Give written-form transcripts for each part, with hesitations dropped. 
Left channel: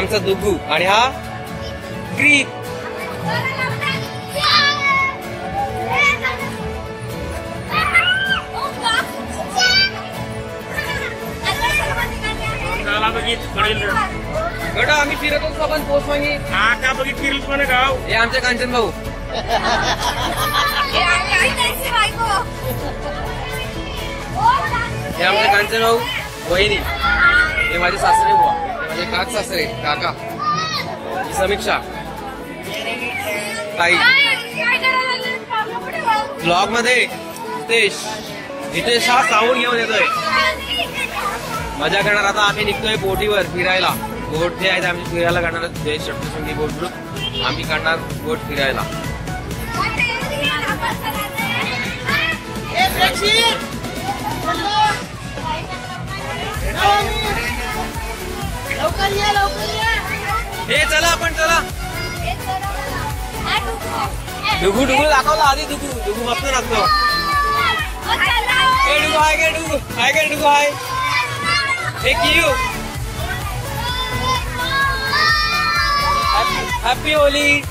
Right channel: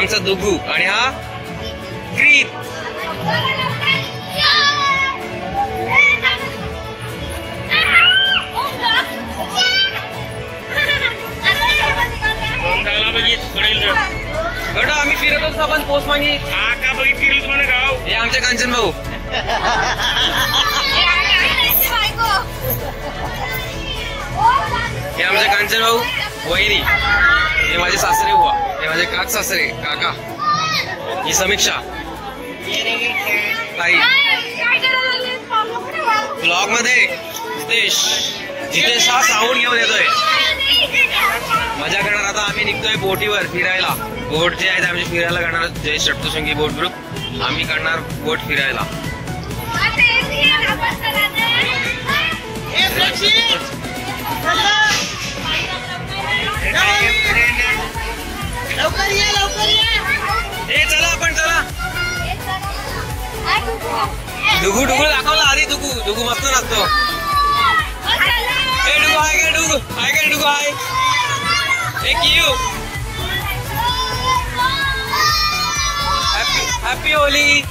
आमचा दुगू आणि हा ग्रीप. आम्ही फिरत असतो आपण पोस्ट मागे का बघितली तुम्हाला गाव. हे आमचे कांचन भाऊ. हे आमचे कांचन भाऊ वहिनी. हे माझे सासरे बुवा. हे माझे काक सासरे काका. ही समीक्षा ताई. ब्लॉग मध्ये जितेश हा साऊंड घेऊन येतोय. मजा करणार. आता आम्ही निघतोय बोटीवर फिरायला. बोट जे आहेत आम्ही फिरायला करणार. जय सप्तशृंगी बोट ग्रुप आम्ही करणार बोट फिरायला. हे चला आपण चला. डुगू डुगू दाखवला आधी. डुगू मस्त नाचतो. हे डुगू हाय काय. डुगू हाय काय. डुगू हाय. हे कियू. Happy Holy.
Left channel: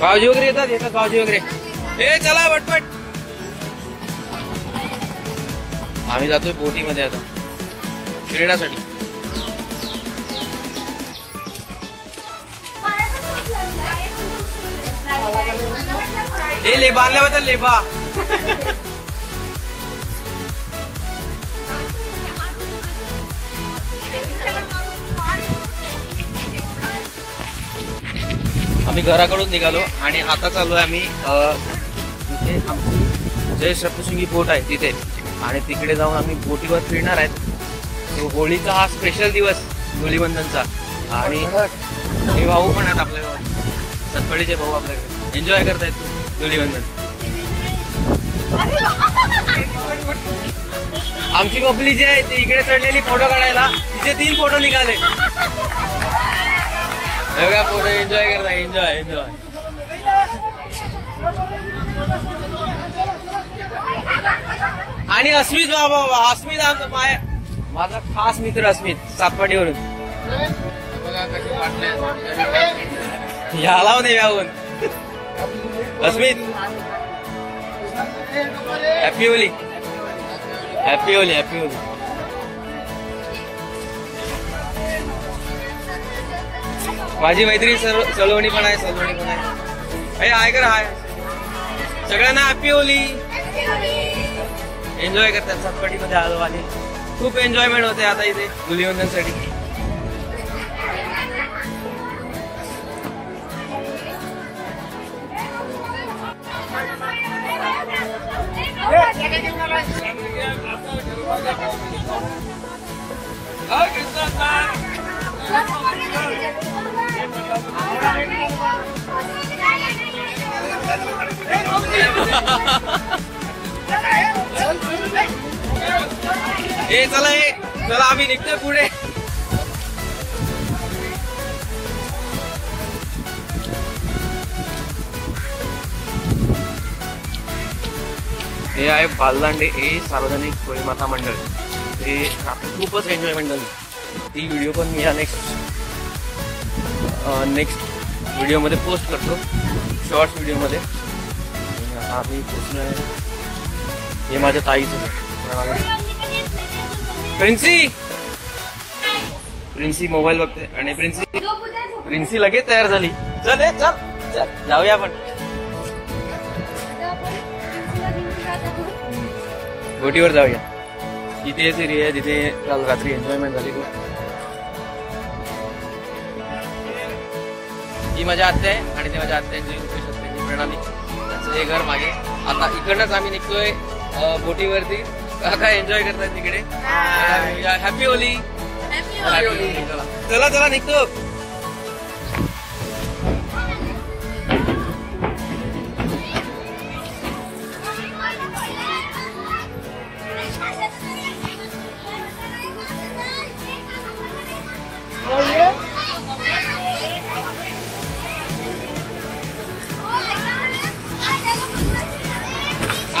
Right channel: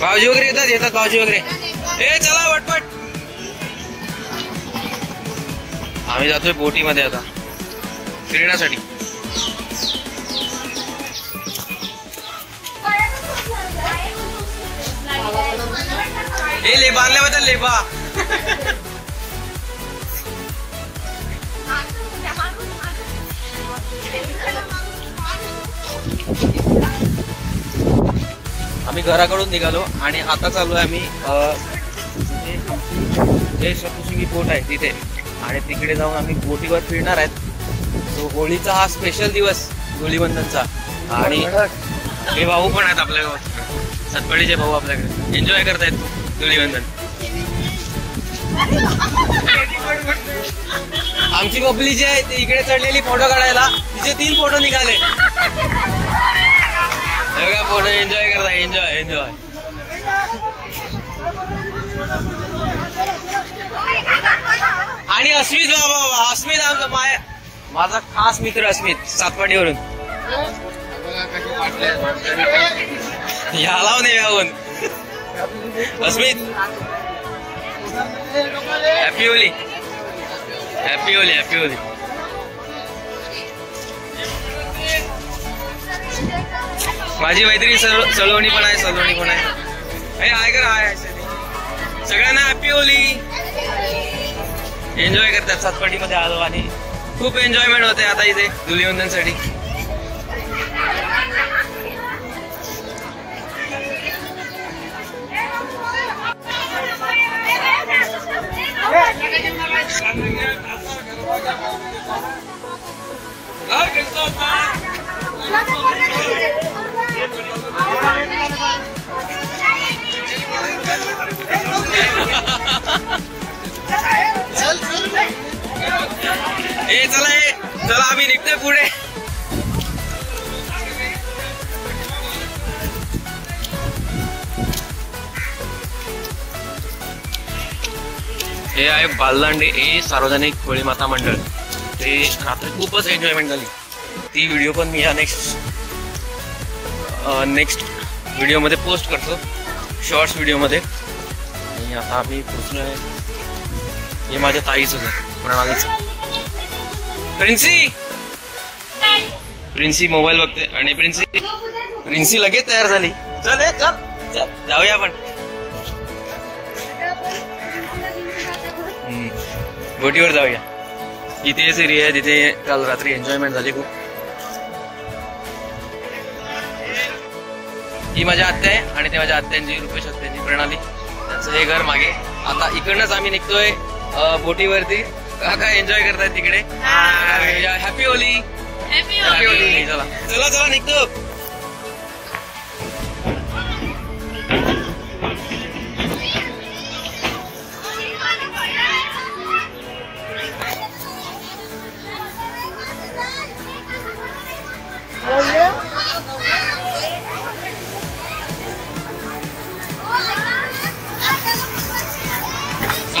भाऊजी वगैरे येतात भाऊजी वगैरे. हे चला पटपट. आम्ही जातोय बोटीमध्ये आता फिरण्यासाठी. हे लेबा आणल्याबद्दल लेबा. आम्ही घराकडून निघालो आणि आता चालू आहे आम्ही जे सप्तशृंगी बोट आहे तिथे. आणि तिकडे जाऊन आम्ही बोटीवर फिरणार आहेत. तो होळीचा हा स्पेशल दिवस धुलीवंदनचा. आणि हे भाऊ पण आहेत आपल्याकडे. सतपडीचे भाऊ आपल्याकडे एन्जॉय करतायत धुलीवंदन. आमची बबली जी आहे ती इकडे चढलेली फोटो काढायला. तिचे 3 फोटो निघाले. फोटो एन्जॉय करताय. एन्जॉय. आणि अस्मित बाबा. अस्मित माझा खास मित्र. अस्मित सातपाडीवरून. याला नाही यावून. Asmit happy Holi. Happy Holi. Happy Holi. माझी मैत्रीण सलोनी पण आहे. सलोनी पण आहे. हाय कर. हाय. सगळ्यांना हॅपी होली. एन्जॉय करतात. सातपाडीमध्ये आलो आणि खूप एन्जॉयमेंट होते आता इथे धुलीवंदनसाठी. चला आम्ही निघतोय पुढे. हे आहे बालदांडे. हे सार्वजनिक होळी माता मंडळ. ते रात्री खूपच एन्जॉयमेंट झाली. ती व्हिडिओ पण मी या नेक्स्ट व्हिडिओमध्ये पोस्ट करतो. शॉर्ट्स व्हिडिओमध्ये. आणि आता आम्ही पोचलोय. हे माझ्या ताईचं घर. प्रिन्सी प्रिन्सी मोबाईल बघते आणि प्रिन्सी लगेच तयार झाली. चल चल जाऊया आपण बोटीवर जाऊया. इथे एरिया आहे, तिथे काल रात्री एन्जॉयमेंट झाली खूप. ही माझ्या आत्या आहे आणि ते माझ्या आत्यांची रुपेश आत्यांची प्रणाली, त्यांचं हे घर मागे. आता इकडनंच आम्ही निघतोय बोटीवरती. काका एन्जॉय करतायत तिकडे. हॅपी होली. Happy Holy. चला चला चला निघतो.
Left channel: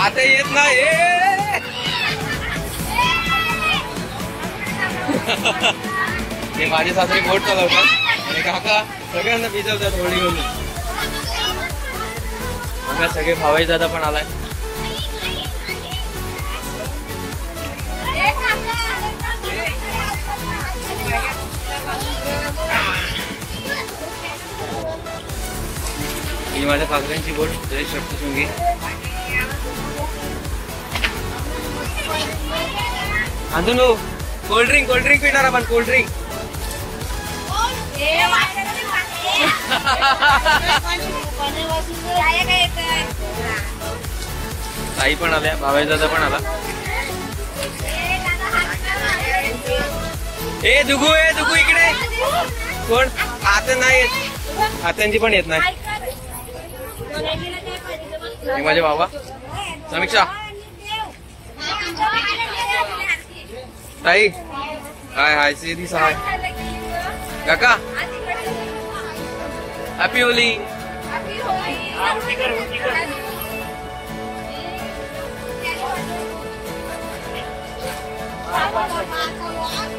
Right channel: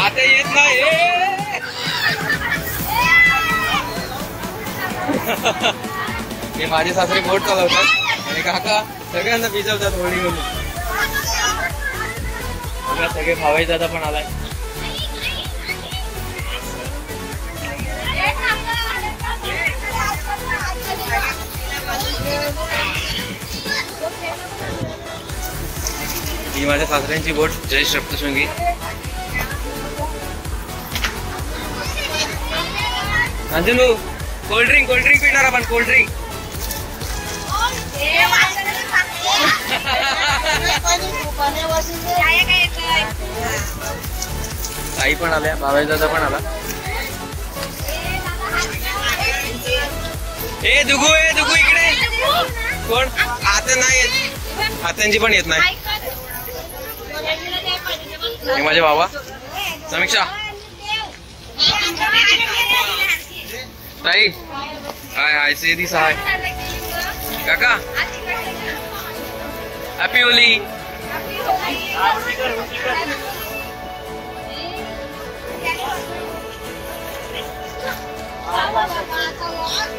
आता येत नाही. ते माझे सासरे बोट चालवतात आणि काका सगळ्यांना भिजवतात होळी होली. बघा सगळे भावाई दादा पण आलाय. ही माझ्या सासऱ्यांची बोट जय सप्तशृंगी. अंजनू कोल्ड्रिंक पिणार आपण. कोल्ड्रिंक ताई पण आल्या, भावाई दादा पण आला. ए दुगू इकडे. कोण आता नाही येत, आत्यांची पण येत नाही. हे माझे बाबा समीक्षा. ताई हाय हाय सेदी सहाय. काका हॅपी होली.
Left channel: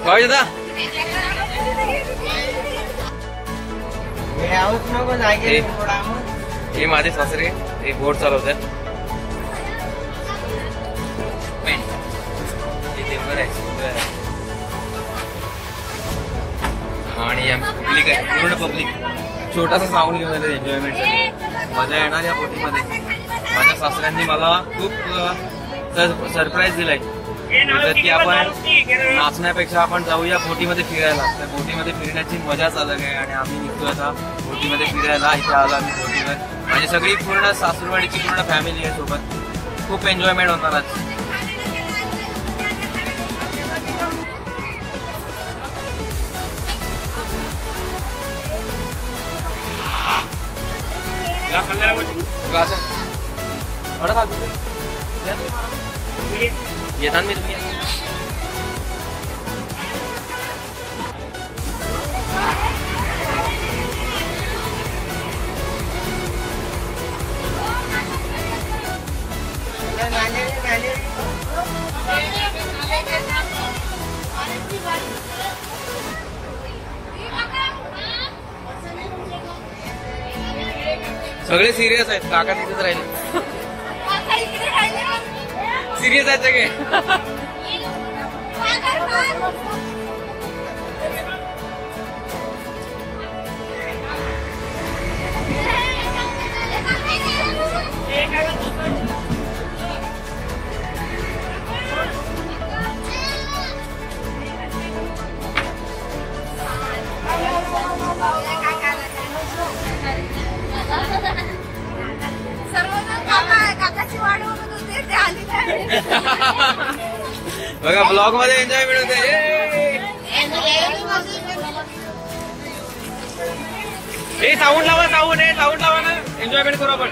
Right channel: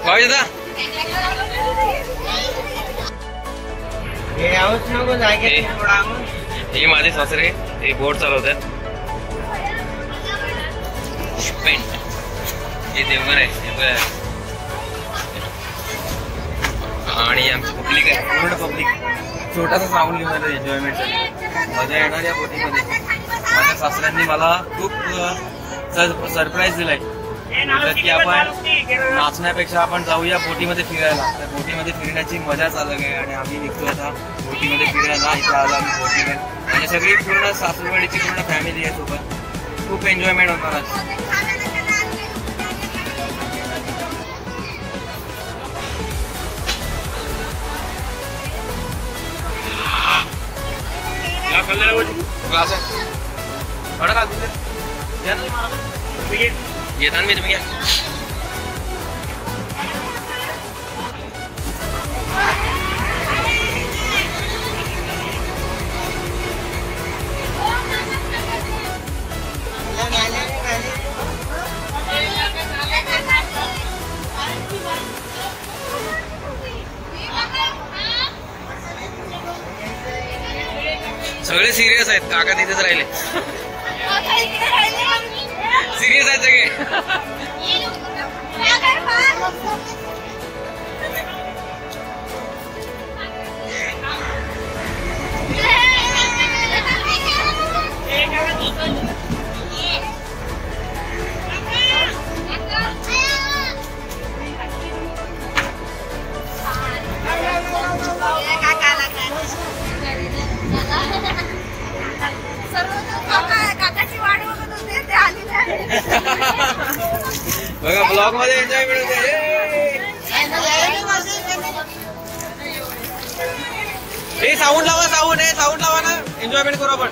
भाऊ दादा हे माझे सासरे ते बोट चालवतात. हे देवघर आहे आणि आमची पब्लिक आहे, पूर्ण पब्लिक. छोटासा साऊंड घेऊन आलं एन्जॉयमेंट साठी. मजा येणार या बोटीमध्ये. माझ्या सासऱ्यांनी मला खूप सरप्राईज दिलाय की आपण नाचण्यापेक्षा आपण जाऊया बोटीमध्ये फिरायला. तर बोटीमध्ये फिरण्याची मजाच अलग आहे आणि आम्ही निघतोय आता बोटीमध्ये फिरायला. इथे आलो आम्ही बोटीवर. म्हणजे सगळी पूर्ण सासरवाडीची पूर्ण फॅमिली आहे सोबत. खूप एन्जॉयमेंट होणार आज. क्लास आहे घेता मी तुम्ही. सगळे सिरियस आहेत. काका तिथेच राहिले. सिरियस आहेत सगळे. बघा ब्लॉग मध्ये एन्जॉय मिळते. हे साऊंड लावा, साऊंड लावा ना, एन्जॉयमेंट करू आपण.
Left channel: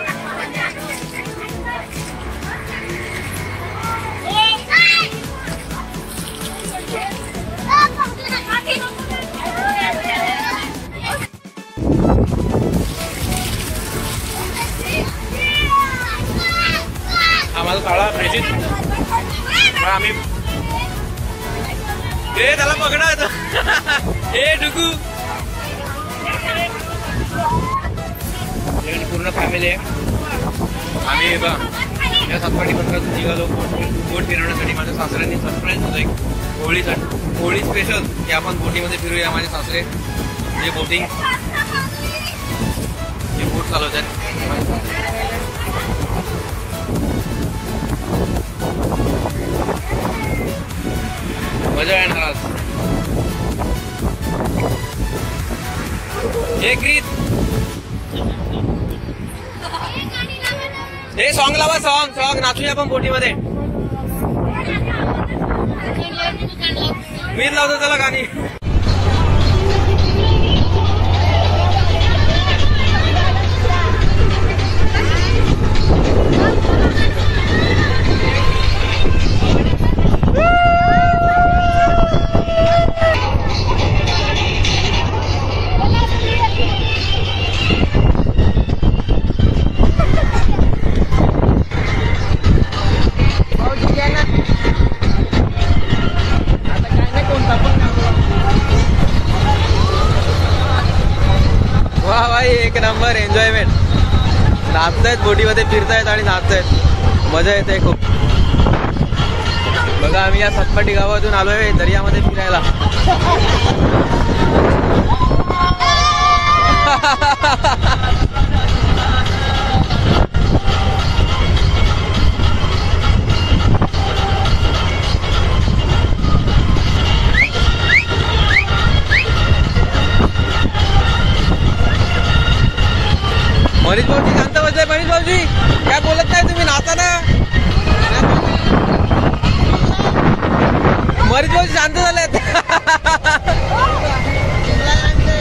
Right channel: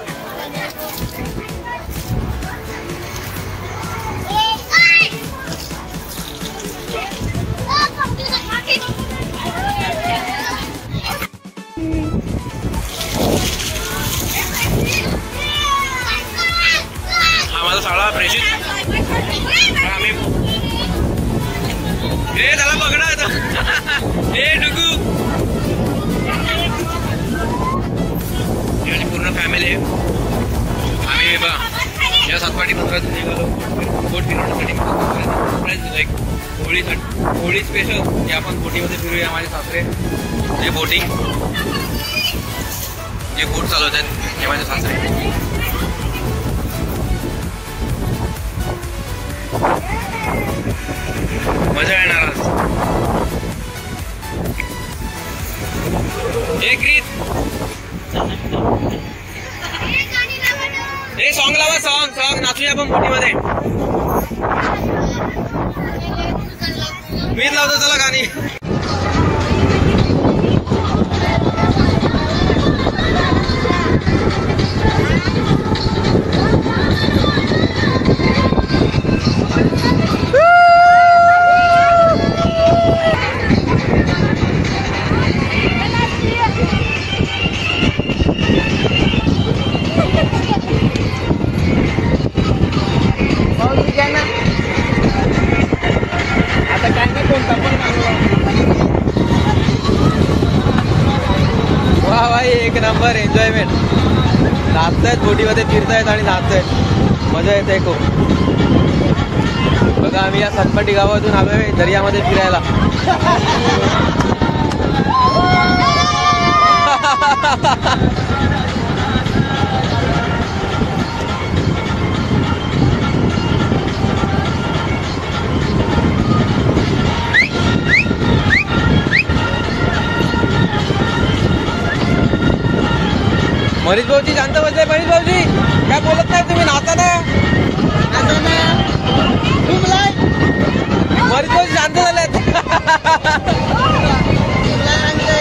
हा माझा शाळा प्रेषित. आम्ही हे त्याला पकडा. हे डुगू पूर्ण फॅमिली आहे. आम्ही बघा या सातपाटी बंदरातून निघालो बोट फिरवण्यासाठी. माझ्या सासऱ्यांनी सरप्राईज एक होळी स्पेशल हे आपण बोटीमध्ये फिरूया. माझे सासरे जे बोट चालवत आहेत हे माझे सासरे. मजा येणार आज. एक रीत हे सॉन्ग लावा. सॉन्ग नाचूया आपण बोटीमध्ये. मीच लावतो चला गाणी. वा भाई एक नंबर एन्जॉयमेंट. नाचतायत बोटीमध्ये, फिरतायत आणि नाचतायत. मजा येते खूप. बघा आम्ही या सतपाटी गावातून आलोय दर्यामध्ये फिरायला. मनीष भाऊजी शांत बसले. मनीष भाऊजी काय बोलत नाही तुम्ही, नाता ना. मनीष भाऊजी शांत झालेत.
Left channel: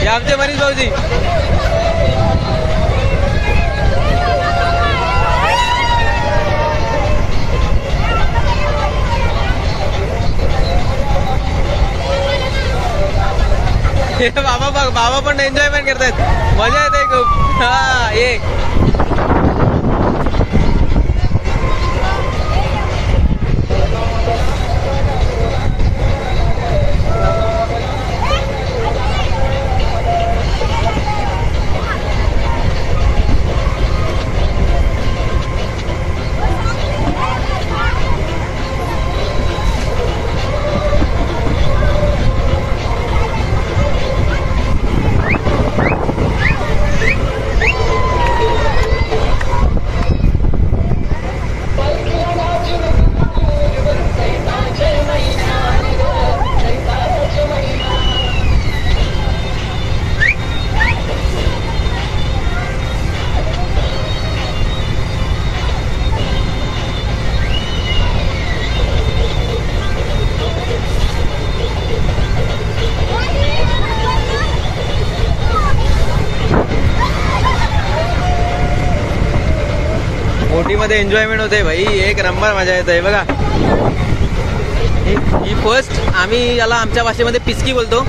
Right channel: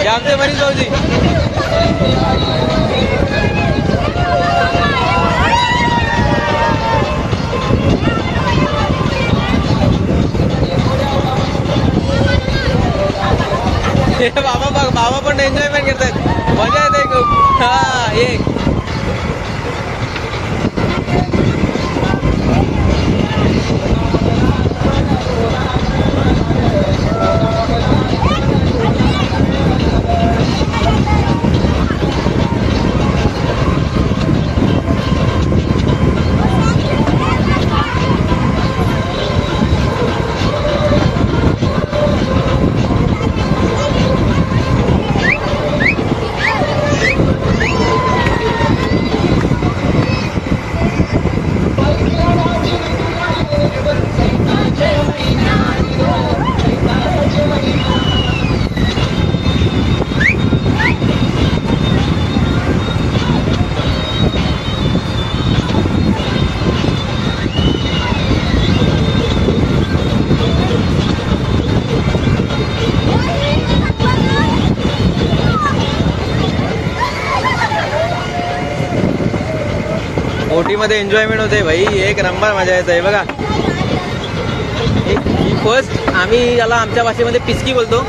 हे आमचे मनीष भाऊजी. बाबा पण एन्जॉयमेंट करतायत. मजा येते खूप. हा ये बोटीमध्ये एन्जॉयमेंट होते भाई. एक नंबर मजा येते. बघा ही फर्स्ट, आम्ही याला आमच्या भाषेमध्ये पिचकी बोलतो.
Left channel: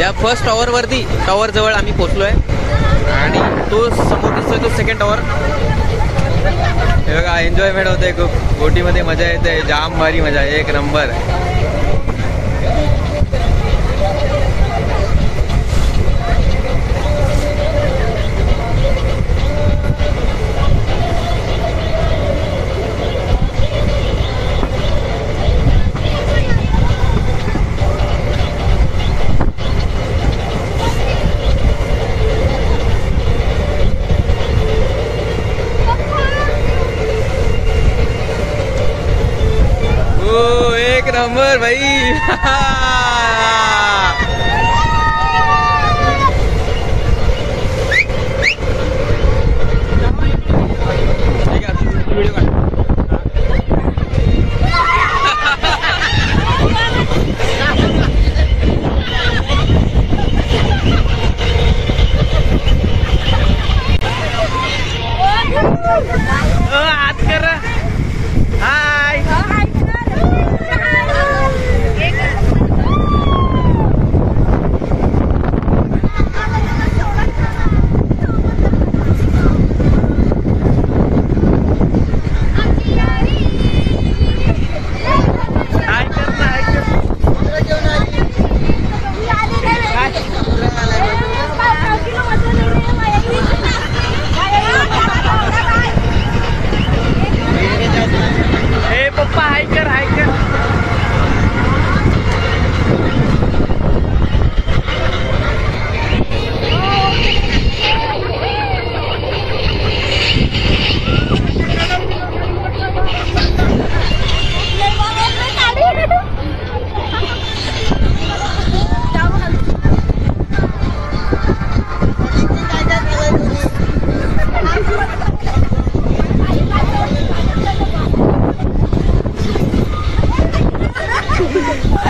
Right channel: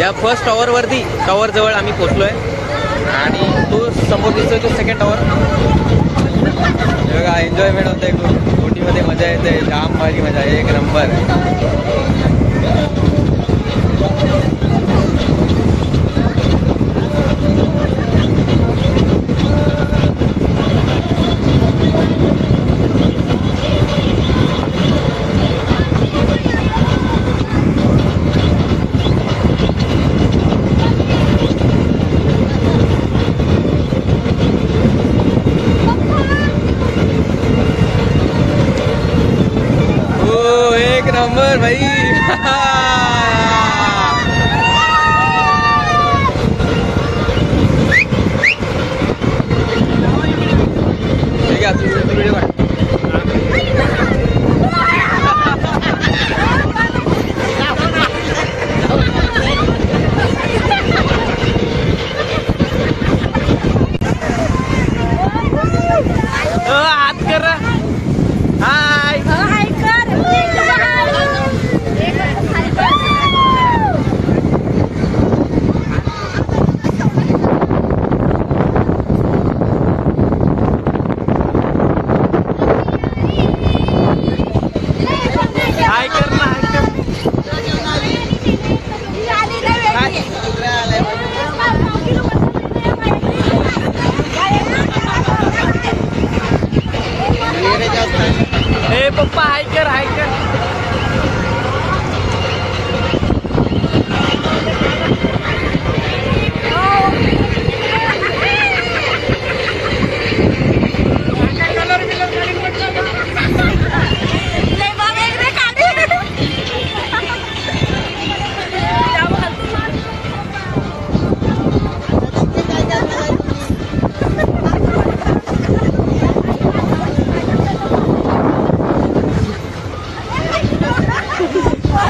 या फर्स्ट टॉवर जवळ आम्ही पोहोचलोय आणि तो समोर दिसतोय तो सेकंड टॉवर. हे बघा एन्जॉयमेंट होते खूप. बोटीमध्ये मजा येते. जाम भारी मजा. एक नंबर. एक नंबर भाई. ठीक आहे व्हिडिओ काढ. हात कर. हाय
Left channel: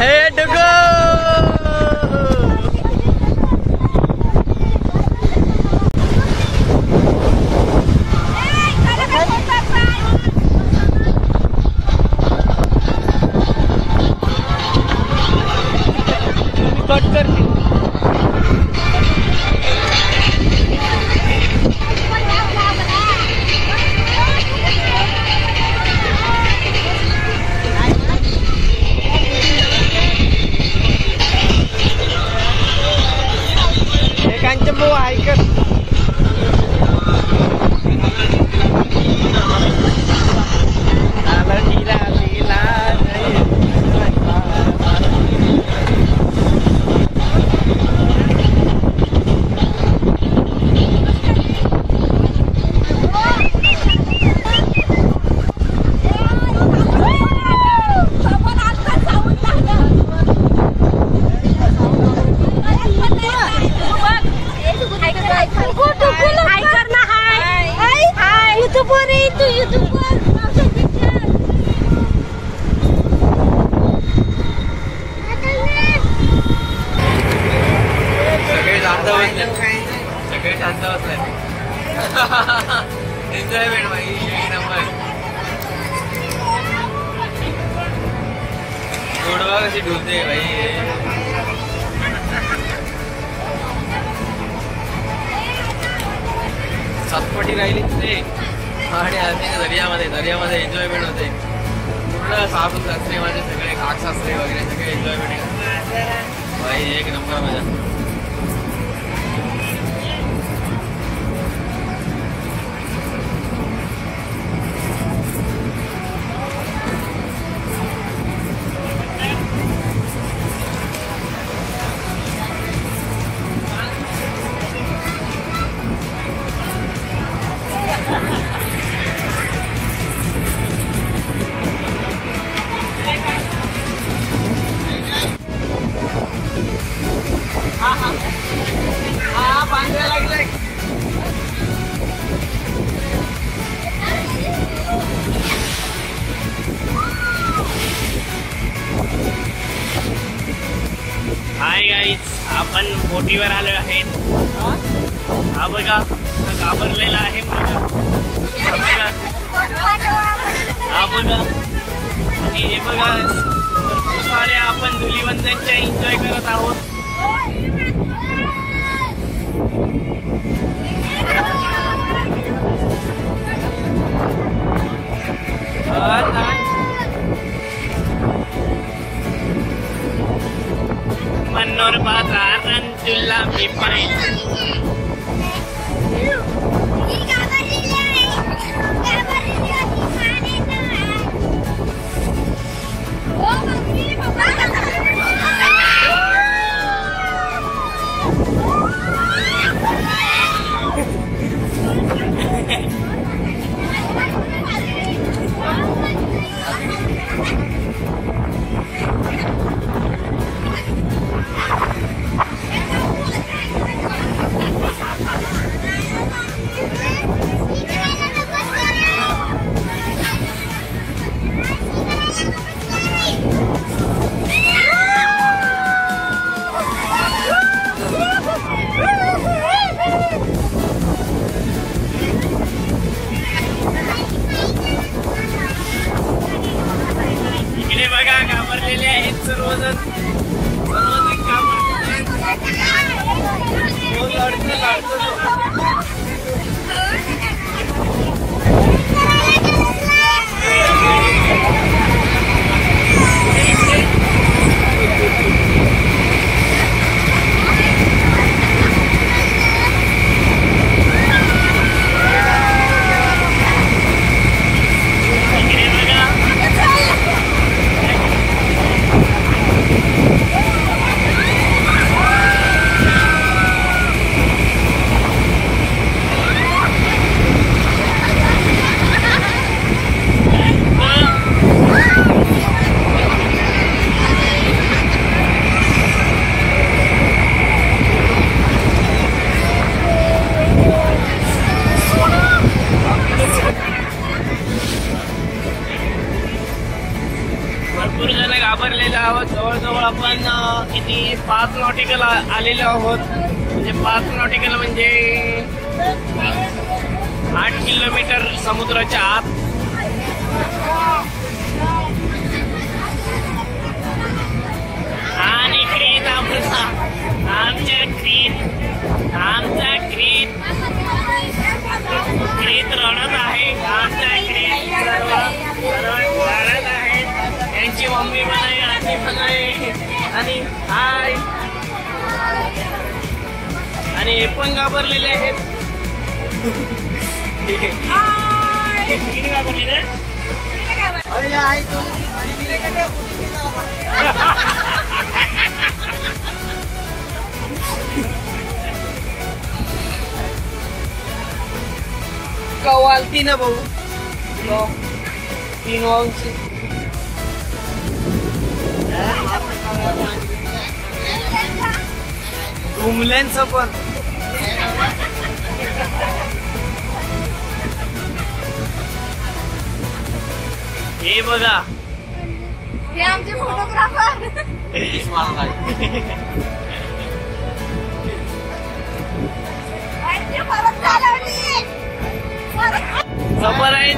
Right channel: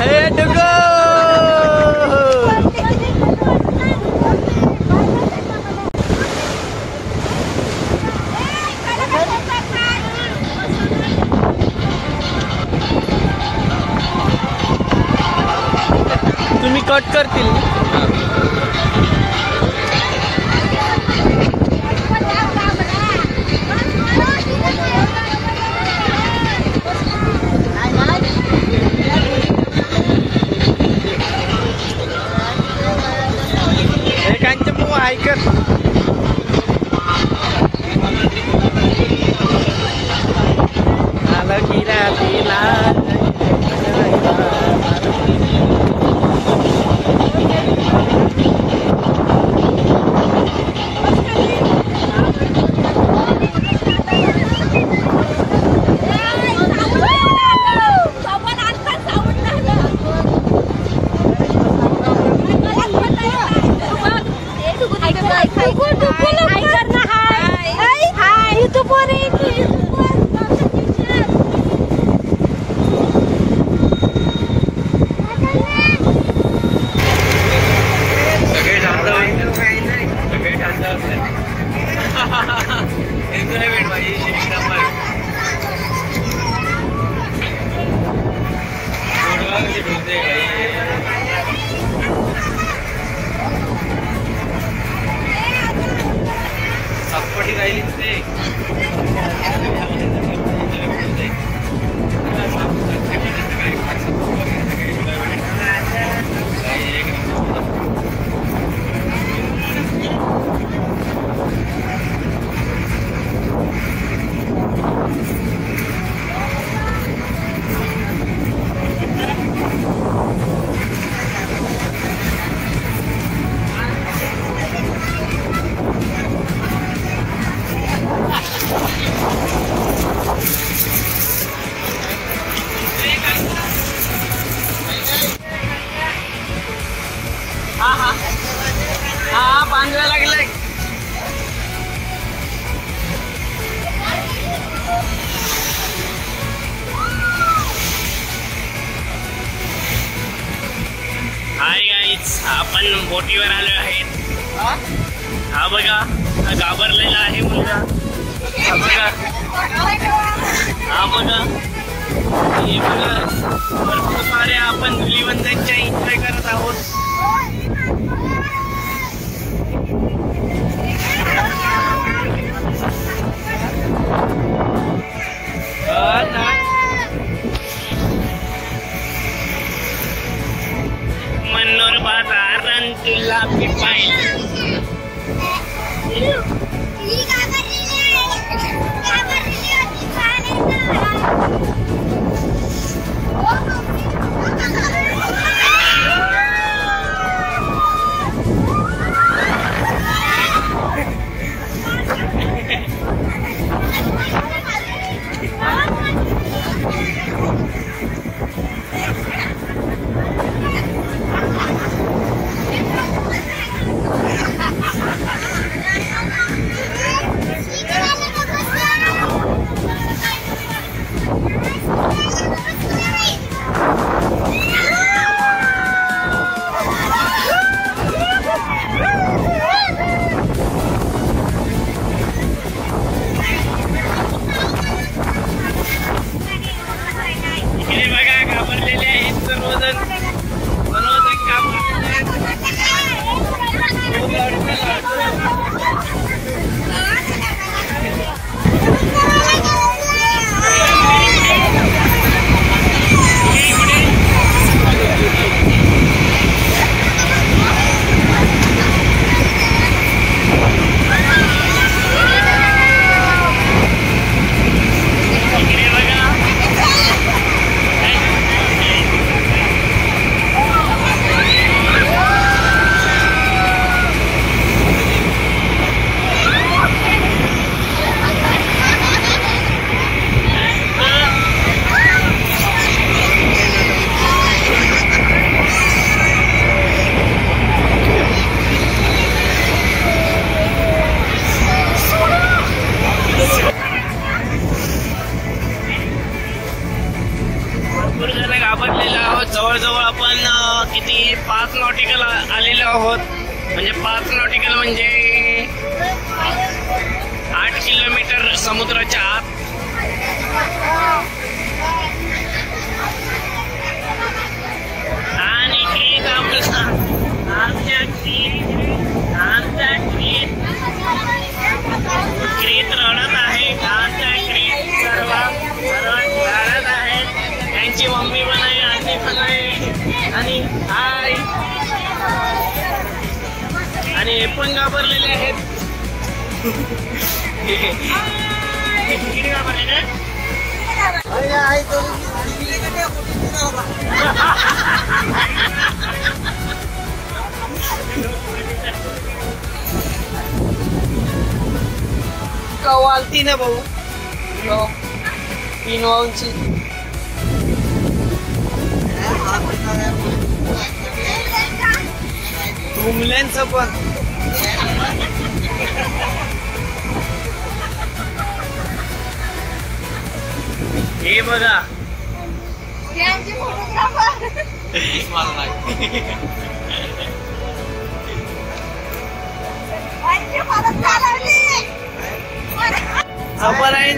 हे डुगू तुम्ही कट करतील कांचन भाऊ ऐकत सगळे शांत बसले एन्जॉयमेंट भाई एक नंबर गोडवा कशी ढुलते भाई सापटी राहिली ते आणि दर्यामध्ये एन्जॉयमेंट होते पूर्ण सासू सासरीमध्ये सगळे आठ सासरे वगैरे सगळे एन्जॉयमेंट भाई एक नंबर मजा बांधायला लागले हाय गाईज आपण बोटीवर आलो आहेत हा बघा हा घाबरलेला आहे मुलगा हा बघा हे बघा भरपूर सारे आपण धुलीवंदनच्या एन्जॉय करत आहोत मनोर बाजारान तुला मी पाहिलं भरपूर जण घाबरलेलो आहोत. जवळजवळ आपण किती 5 नॉटिकल आलेलो आहोत. म्हणजे 5 नॉटिकल म्हणजे 8 किलोमीटर समुद्राच्या आत. आणि क्रीत रडत आहे. आमच्या क्रीत सर्व रडत आहेत. त्यांची मम्मी पण आहे, आजी पण आहे. आणि हाय, आणि हे पण घाबरलेले आहेत. घाबरलेले कवालती ना भाऊ 3 वाऊंची. तुमल्यांचं पण हे बघा, हे आमचे फोटोग्राफर. जबर आहे.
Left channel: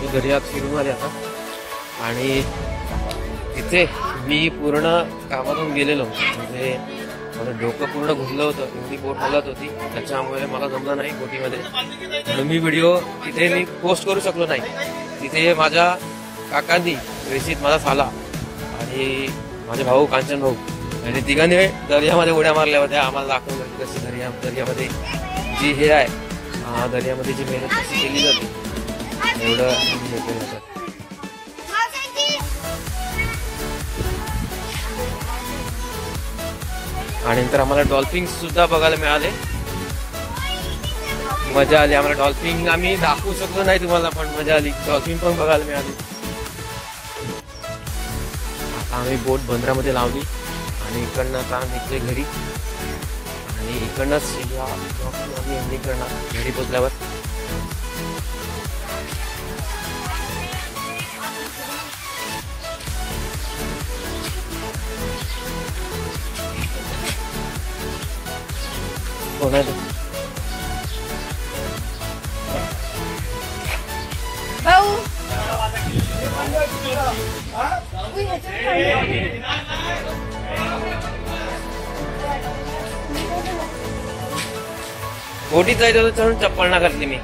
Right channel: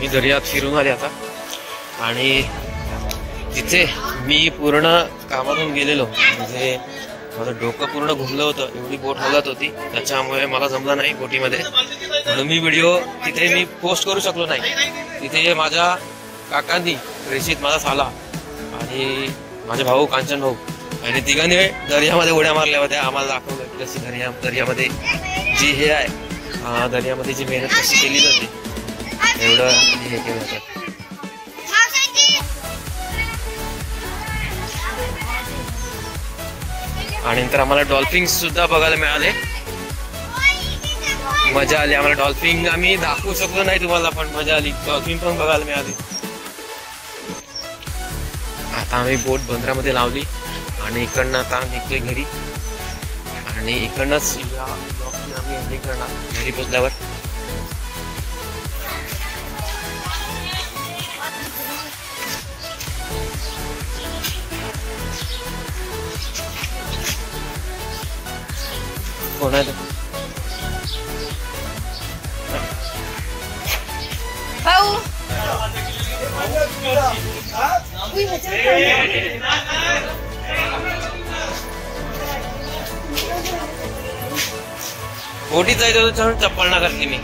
मी दर्यात फिरून आले आता. आणि तिथे मी पूर्ण कामातून गेलेलो. म्हणजे माझं डोकं पूर्ण घुमलं होतं. एवढी बोट हलत होती, त्याच्यामुळे मला जमलं नाही बोटीमध्ये. म्हणून मी व्हिडिओ तिथे मी पोस्ट करू शकलो नाही. तिथे माझ्या काकांनी रेशीत माझा साला आणि माझे भाऊ कांचन भाऊ आणि तिघांनी दर्यामध्ये उड्या मारल्या होत्या. आम्हाला दाखवलं कशी दर्यामध्ये जी हे आहे, दर्यामध्ये जी मेहनत कशी केली जाते, एवढं हे केलं होतं. आणि नंतर आम्हाला डॉल्फिन्स सुद्धा बघायला मिळाले. मजा आली आम्हाला. डॉल्फिन आम्ही दाखवू शकलो नाही तुम्हाला, पण मजा आली. डॉल्फिन पण बघायला मिळाली. आता आम्ही बोट बंदरामध्ये लावली आणि इकडनं आता निघतोय घरी. आणि इकडनंच या ब्लॉगची आम्ही एंडिंग करणार घरी पोचल्यावर. कोण आहे तो? भाऊ बोटीत जायचं होतं म्हणून चप्पल ना घातली मी.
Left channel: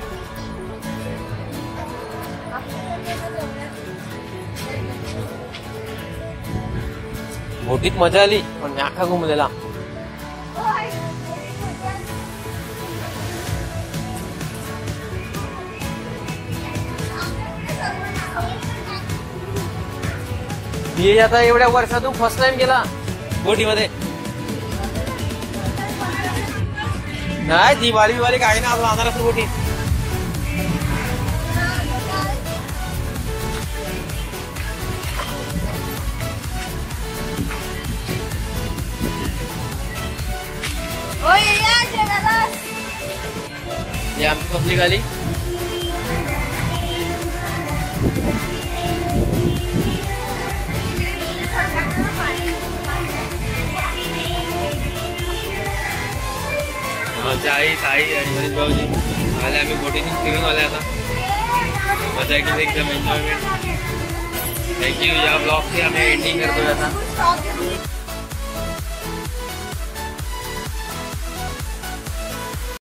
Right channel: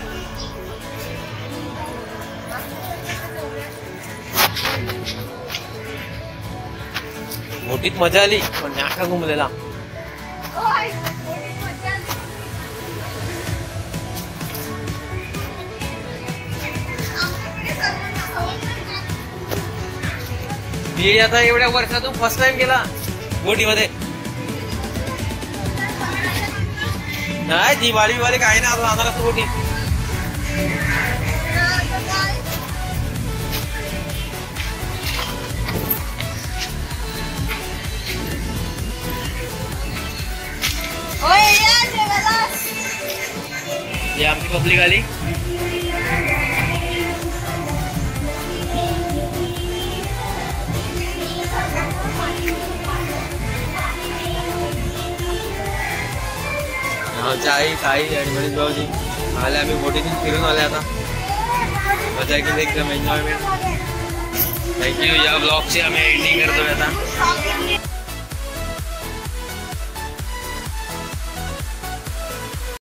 बोटीत मजा आली, पण नाका घुमलेला. मी आता एवढ्या वर्षातून फर्स्ट टाइम गेला बोटीमध्ये. नाही दिवाळी काही ना आपला आम्हाला बोटी. ही आमची पब्लिक आली. आमच्या आई ताई आणि मनीष भाऊजी आले. आम्ही बोटीतून फिरून आले. आता मजा केली एकदम एन्जॉयमेंट. थँक्यू. या ब्लॉगची आम्ही एंडिंग करतोय आता.